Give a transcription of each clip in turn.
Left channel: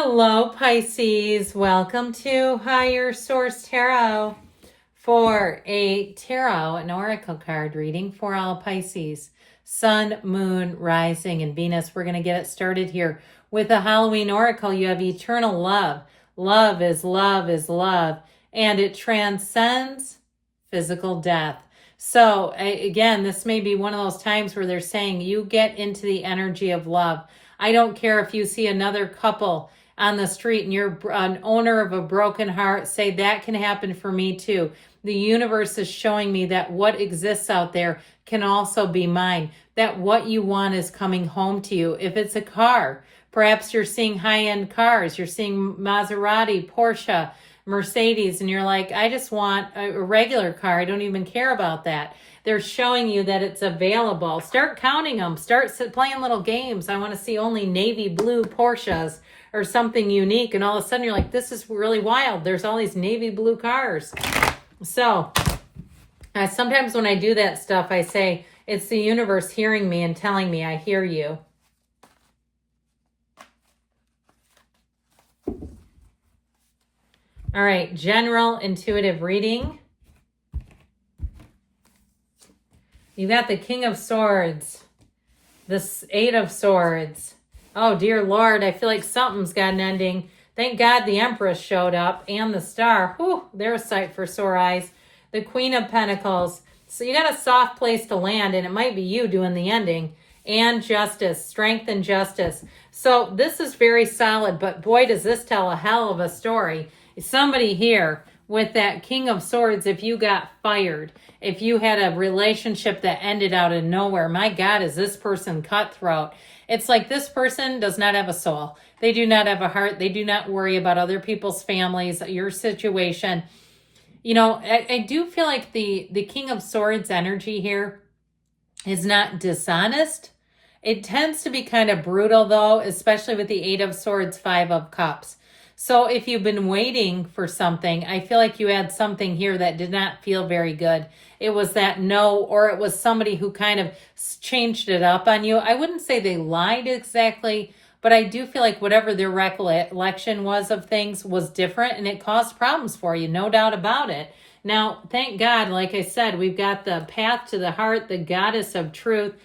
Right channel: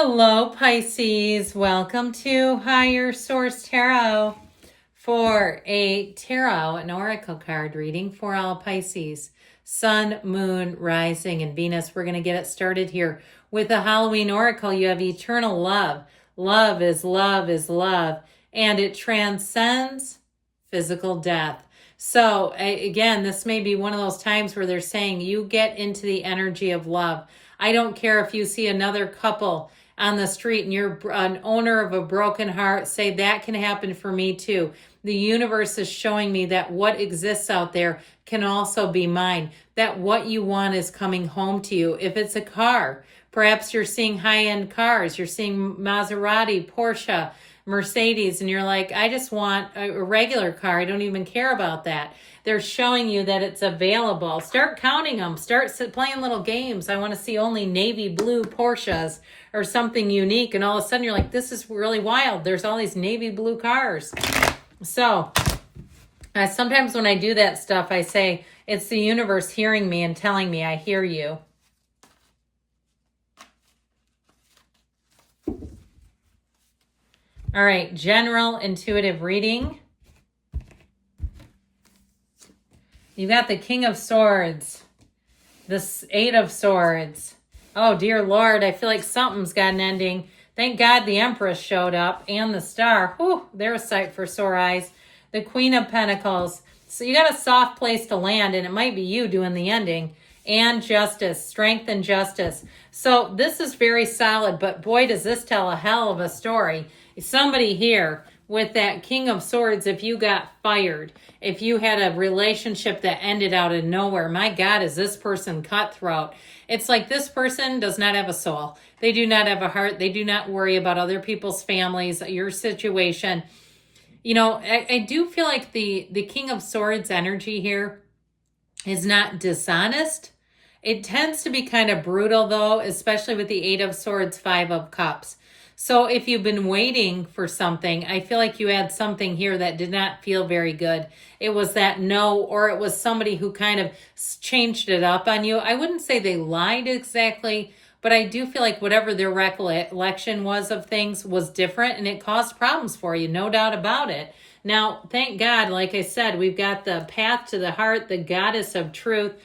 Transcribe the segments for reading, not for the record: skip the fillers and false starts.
Hello, Pisces. Welcome to Higher Source Tarot for a tarot, an oracle card reading for all Pisces. Sun, Moon, Rising, and Venus. We're going to get it started here with a Halloween oracle. You have eternal love. Love is love is love, and it transcends physical death. So again, this may be one of those times where they're saying you get into the energy of love. I don't care if you see another couple on the street and you're an owner of a broken heart, say that can happen for me too. The universe is showing me that what exists out there can also be mine, that what you want is coming home to you. If it's a car, perhaps you're seeing high-end cars, you're seeing Maserati, Porsche, Mercedes, and you're like, I just want a regular car. I don't even care about that. They're showing you that it's available. Start counting them. Start playing little games. I want to see only navy blue Porsches or something unique. And all of a sudden you're like, this is really wild. There's all these navy blue cars. So sometimes when I do that stuff, I say, it's the universe hearing me and telling me I hear you. All right, general intuitive reading. You got the King of Swords, the Eight of Swords. Oh, dear Lord, I feel like something's got an ending. Thank God the Empress showed up and the Star. Whew, they're a sight for sore eyes. The Queen of Pentacles. So you got a soft place to land, and it might be you doing the ending. And Justice, strength and justice. So this is very solid, but boy, does this tell a hell of a story. Somebody here with that King of Swords, if you got fired, if you had a relationship that ended out of nowhere, my God, is this person cutthroat? It's like this person does not have a soul. They do not have a heart. They do not worry about other people's families, your situation. You know, I do feel like the King of Swords energy here is not dishonest. It tends to be kind of brutal, though, especially with the Eight of Swords, Five of Cups. So if you've been waiting for something, I feel like you had something here that did not feel very good. It was that no, or it was somebody who kind of changed it up on you. I wouldn't say they lied exactly, but I do feel like whatever their recollection was of things was different, and it caused problems for you, no doubt about it. Now, thank God, like I said, we've got the path to the heart, the goddess of truth.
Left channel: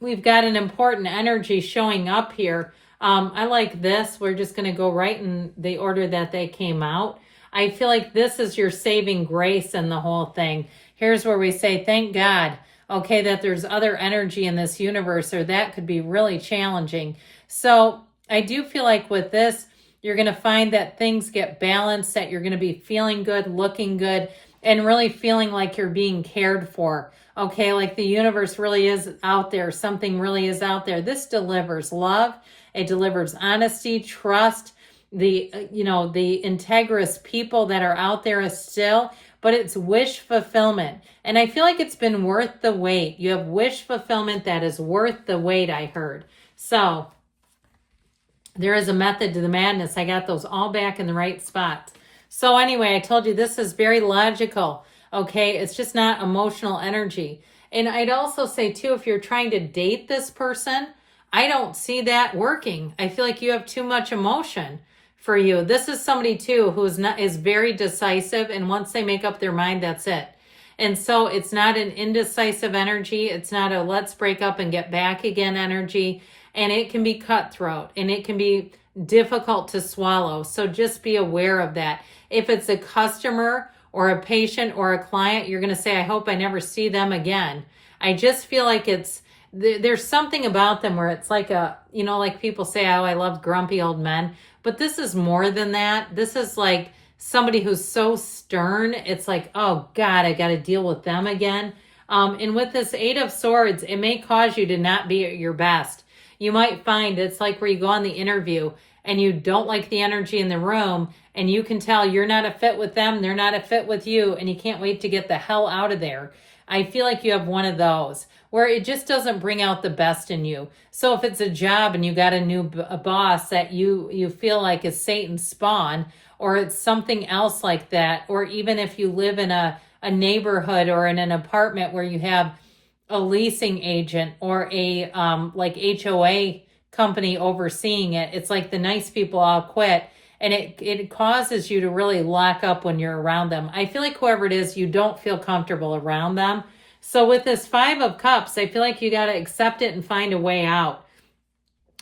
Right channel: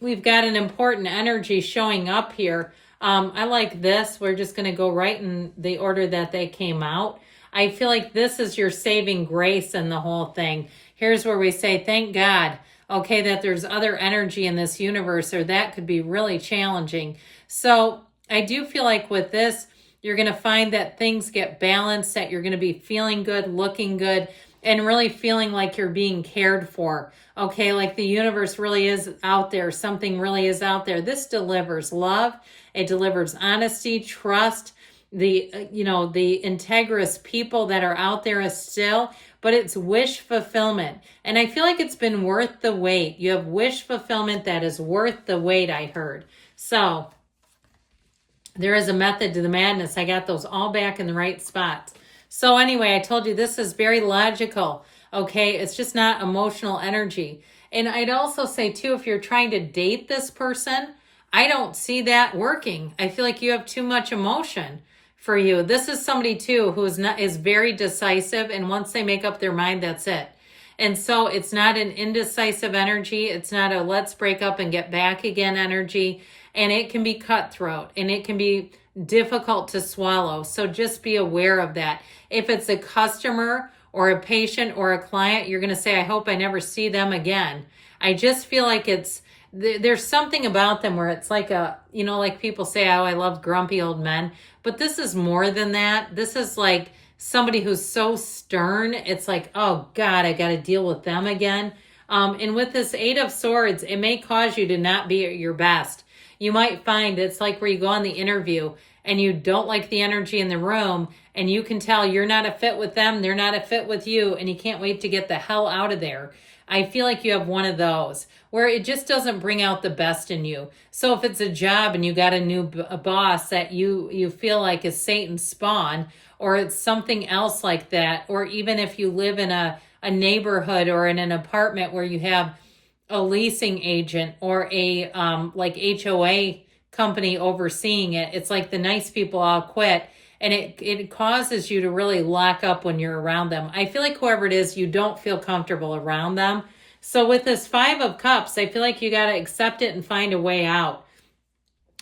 We've got an important energy showing up here. I like this. We're just going to go right in the order that they came out. I feel like this is your saving grace in the whole thing. Here's where we say, thank God, okay, that there's other energy in this universe, or that could be really challenging. So I do feel like with this, you're going to find that things get balanced, that you're going to be feeling good, looking good, and really feeling like you're being cared for. Okay, like the universe really is out there. Something really is out there. This delivers love. It delivers honesty, trust, the integrous people that are out there still, but it's wish fulfillment. And I feel like it's been worth the wait. You have wish fulfillment that is worth the wait, I heard. So there is a method to the madness. I got those all back in the right spots. So anyway, I told you this is very logical. Okay, it's just not emotional energy. And I'd also say too, if you're trying to date this person, I don't see that working. I feel like you have too much emotion for you. This is somebody too who is very decisive, and once they make up their mind, that's it. And so it's not an indecisive energy. It's not a let's break up and get back again energy. And it can be cutthroat, and it can be difficult to swallow. So just be aware of that. If it's a customer or a patient or a client, you're going to say, I hope I never see them again. I just feel like there's something about them where it's like like people say, oh, I love grumpy old men. But this is more than that. This is like somebody who's so stern. It's like, oh God, I got to deal with them again. And with this Eight of Swords, it may cause you to not be at your best. You might find it's like where you go on the interview and you don't like the energy in the room, and you can tell you're not a fit with them, they're not a fit with you, and you can't wait to get the hell out of there. I feel like you have one of those where it just doesn't bring out the best in you. So if it's a job and you got a new boss that you feel like is Satan's spawn, or it's something else like that, or even if you live in a neighborhood or in an apartment where you have a leasing agent or a like HOA company overseeing it. It's like the nice people all quit, and it causes you to really lock up when you're around them. I feel like whoever it is, you don't feel comfortable around them. So with this Five of Cups, I feel like you got to accept it and find a way out.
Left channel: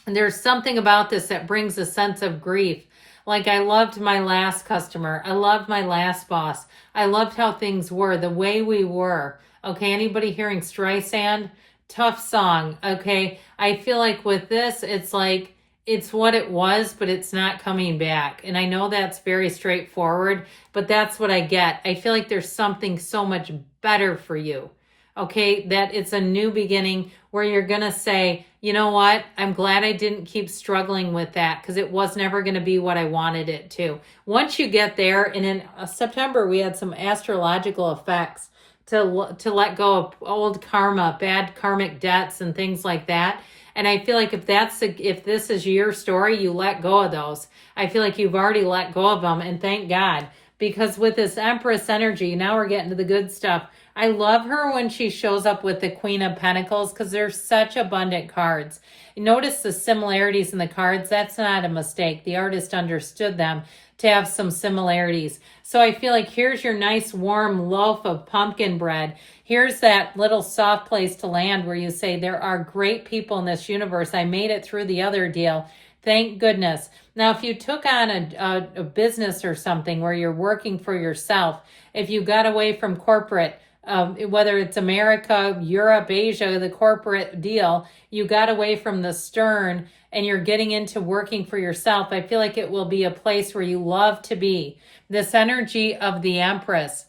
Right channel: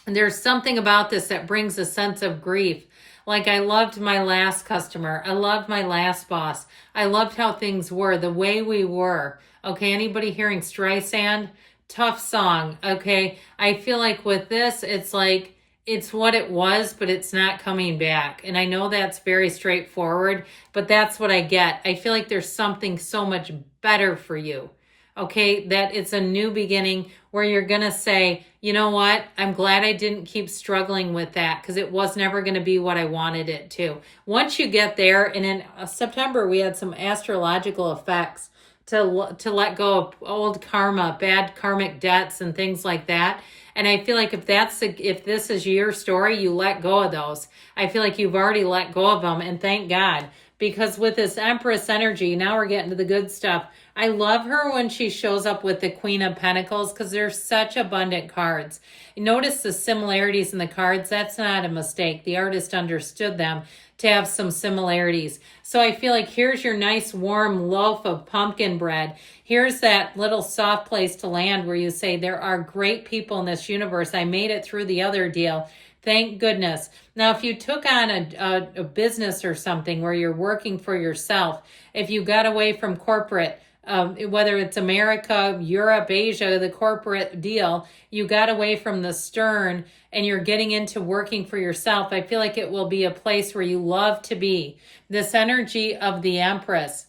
And there's something about this that brings a sense of grief. Like, I loved my last customer. I loved my last boss. I loved how things were, the way we were. Okay, anybody hearing Streisand? Tough song. Okay, I feel like with this, it's like, it's what it was, but it's not coming back. And I know that's very straightforward, but that's what I get. I feel like there's something so much better for you. Okay, that it's a new beginning where you're going to say, you know what? I'm glad I didn't keep struggling with that, because it was never going to be what I wanted it to. Once you get there, and in September, we had some astrological effects to let go of old karma, bad karmic debts and things like that. And I feel like if this is your story, you let go of those. I feel like you've already let go of them, and thank God. Because with this Empress energy, now we're getting to the good stuff. I love her when she shows up with the Queen of Pentacles, because they're such abundant cards. Notice the similarities in the cards. That's not a mistake. The artist understood them to have some similarities. So I feel like here's your nice warm loaf of pumpkin bread. Here's that little soft place to land where you say, there are great people in this universe. I made it through the other deal. Thank goodness. Now, if you took on a business or something where you're working for yourself, if you got away from corporate, whether it's America, Europe, Asia, the corporate deal, you got away from the stern and you're getting into working for yourself, I feel like it will be a place where you love to be. This energy of the Empress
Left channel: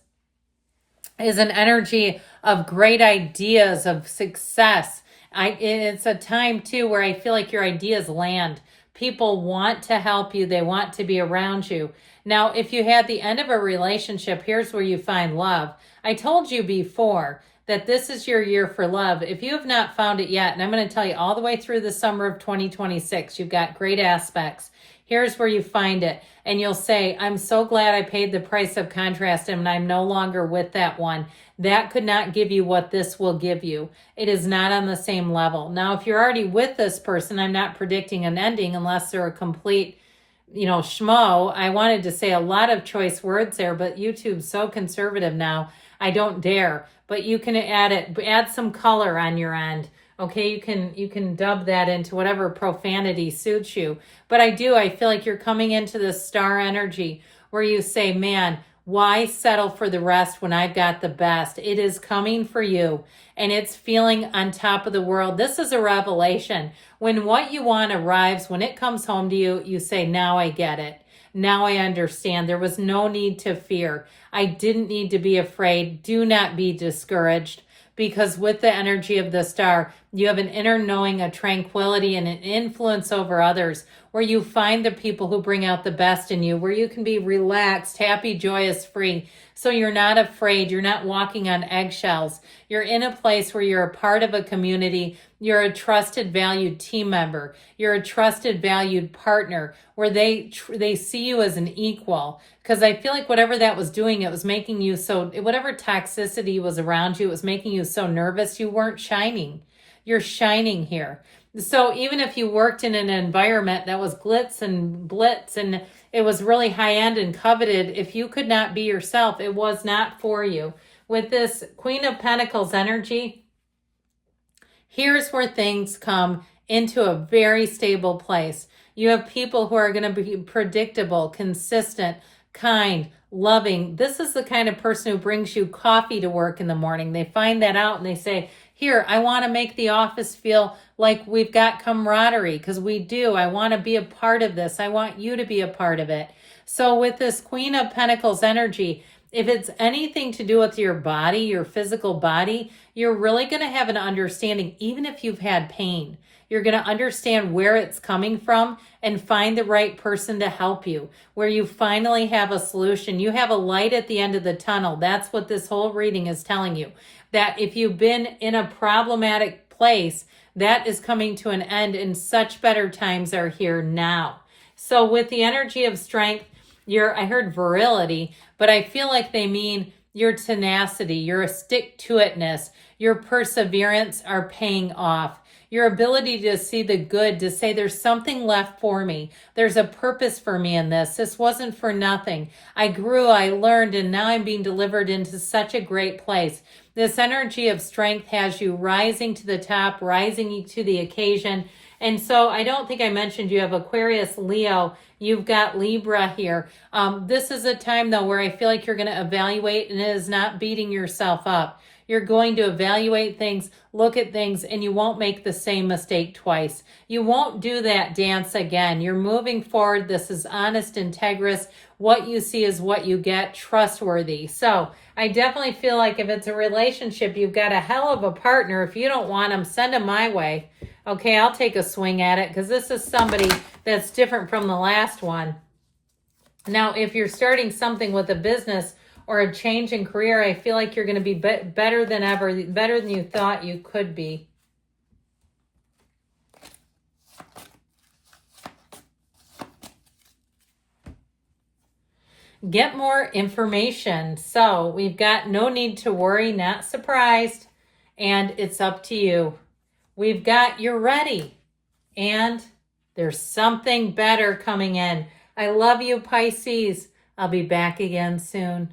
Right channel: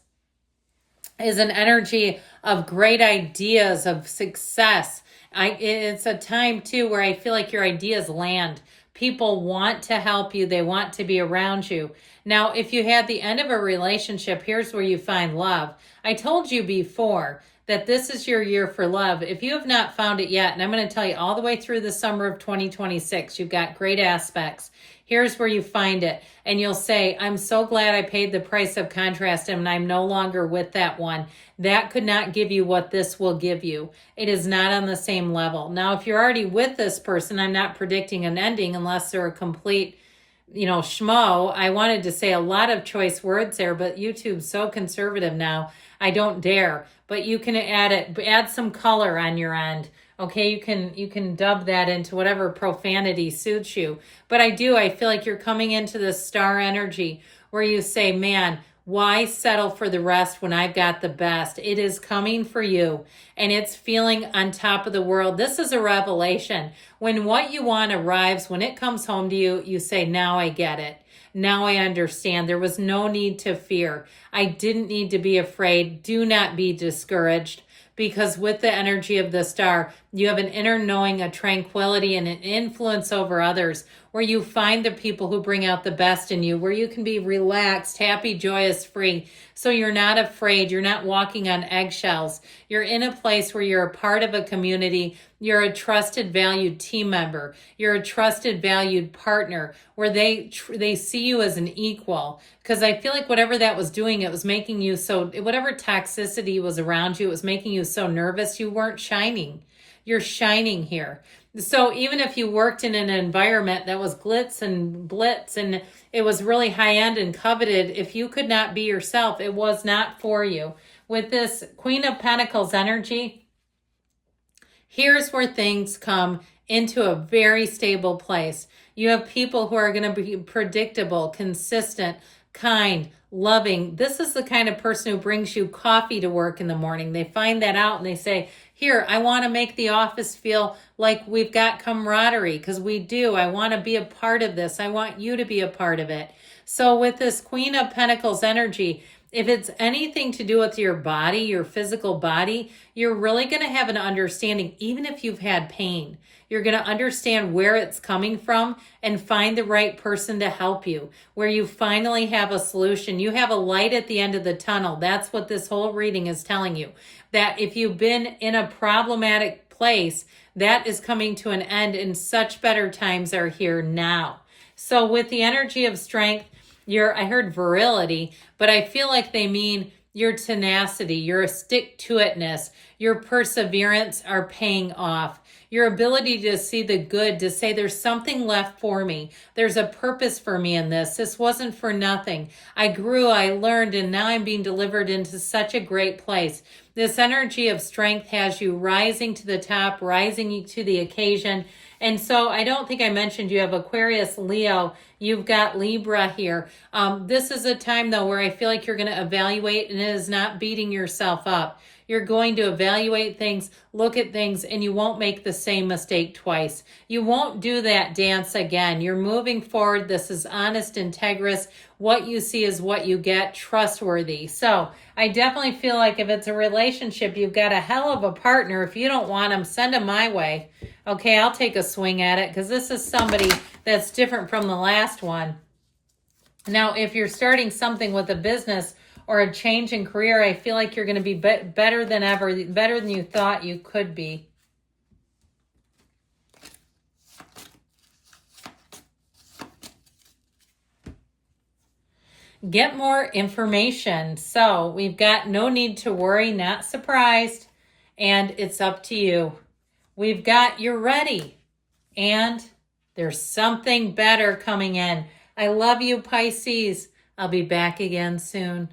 is an energy of great ideas, of success. It's a time, too, where I feel like your ideas land. People want to help you. They want to be around you. Now, if you had the end of a relationship, here's where you find love. I told you before that this is your year for love. If you have not found it yet, and I'm going to tell you all the way through the summer of 2026, you've got great aspects. Here's where you find it. And you'll say, I'm so glad I paid the price of contrast and I'm no longer with that one. That could not give you what this will give you. It is not on the same level. Now, if you're already with this person, I'm not predicting an ending unless they're a complete, schmo. I wanted to say a lot of choice words there, but YouTube's so conservative now, I don't dare. But you can add some color on your end. Okay, you can dub that into whatever profanity suits you. But I feel like you're coming into this star energy where you say, man, why settle for the rest when I've got the best? It is coming for you, and it's feeling on top of the world. This is a revelation. When what you want arrives, when it comes home to you, you say, now I get it. Now I understand. There was no need to fear. I didn't need to be afraid. Do not be discouraged, because with the energy of the star, you have an inner knowing, a tranquility, and an influence over others, where you find the people who bring out the best in you, where you can be relaxed, happy, joyous, free. So you're not afraid. You're not walking on eggshells. You're in a place where you're a part of a community. You're a trusted, valued team member. You're a trusted, valued partner, where they see you as an equal. Because I feel like whatever that was doing, it was making you so, whatever toxicity was around you, it was making you so nervous, you weren't shining. You're shining here. So even if you worked in an environment that was glitz and blitz and it was really high end and coveted, if you could not be yourself, it was not for you. With this Queen of Pentacles energy, here's where things come into a very stable place. You have people who are going to be predictable, consistent, kind, loving. This is the kind of person who brings you coffee to work in the morning. They find that out and they say, here, I want to make the office feel like we've got camaraderie, because we do. I want to be a part of this. I want you to be a part of it. So with this Queen of Pentacles energy, if it's anything to do with your body, your physical body, you're really going to have an understanding, even if you've had pain. You're going to understand where it's coming from and find the right person to help you, where you finally have a solution. You have a light at the end of the tunnel. That's what this whole reading is telling you. That if you've been in a problematic place, that is coming to an end, and such better times are here now. So with the energy of strength, I heard virility, but I feel like they mean your tenacity, your stick-to-itness, your perseverance are paying off. Your ability to see the good, to say there's something left for me. There's a purpose for me in this. This wasn't for nothing. I grew, I learned, and now I'm being delivered into such a great place. This energy of strength has you rising to the top, rising to the occasion. And so I don't think I mentioned you have Aquarius, Leo. You've got Libra here. This is a time, though, where I feel like you're going to evaluate, and it is not beating yourself up. You're going to evaluate things, look at things, and you won't make the same mistake twice. You won't do that dance again. You're moving forward. This is honest, integrous. What you see is what you get, trustworthy. So I definitely feel like if it's a relationship, you've got a hell of a partner. If you don't want them, send them my way. Okay, I'll take a swing at it because this is somebody that's different from the last one. Now, if you're starting something with a business or a change in career, I feel like you're going to be better than ever, better than you thought you could be. Get more information. So we've got no need to worry, not surprised, and it's up to you. We've got you're ready, and there's something better coming in. I love you, Pisces. I'll be back again soon.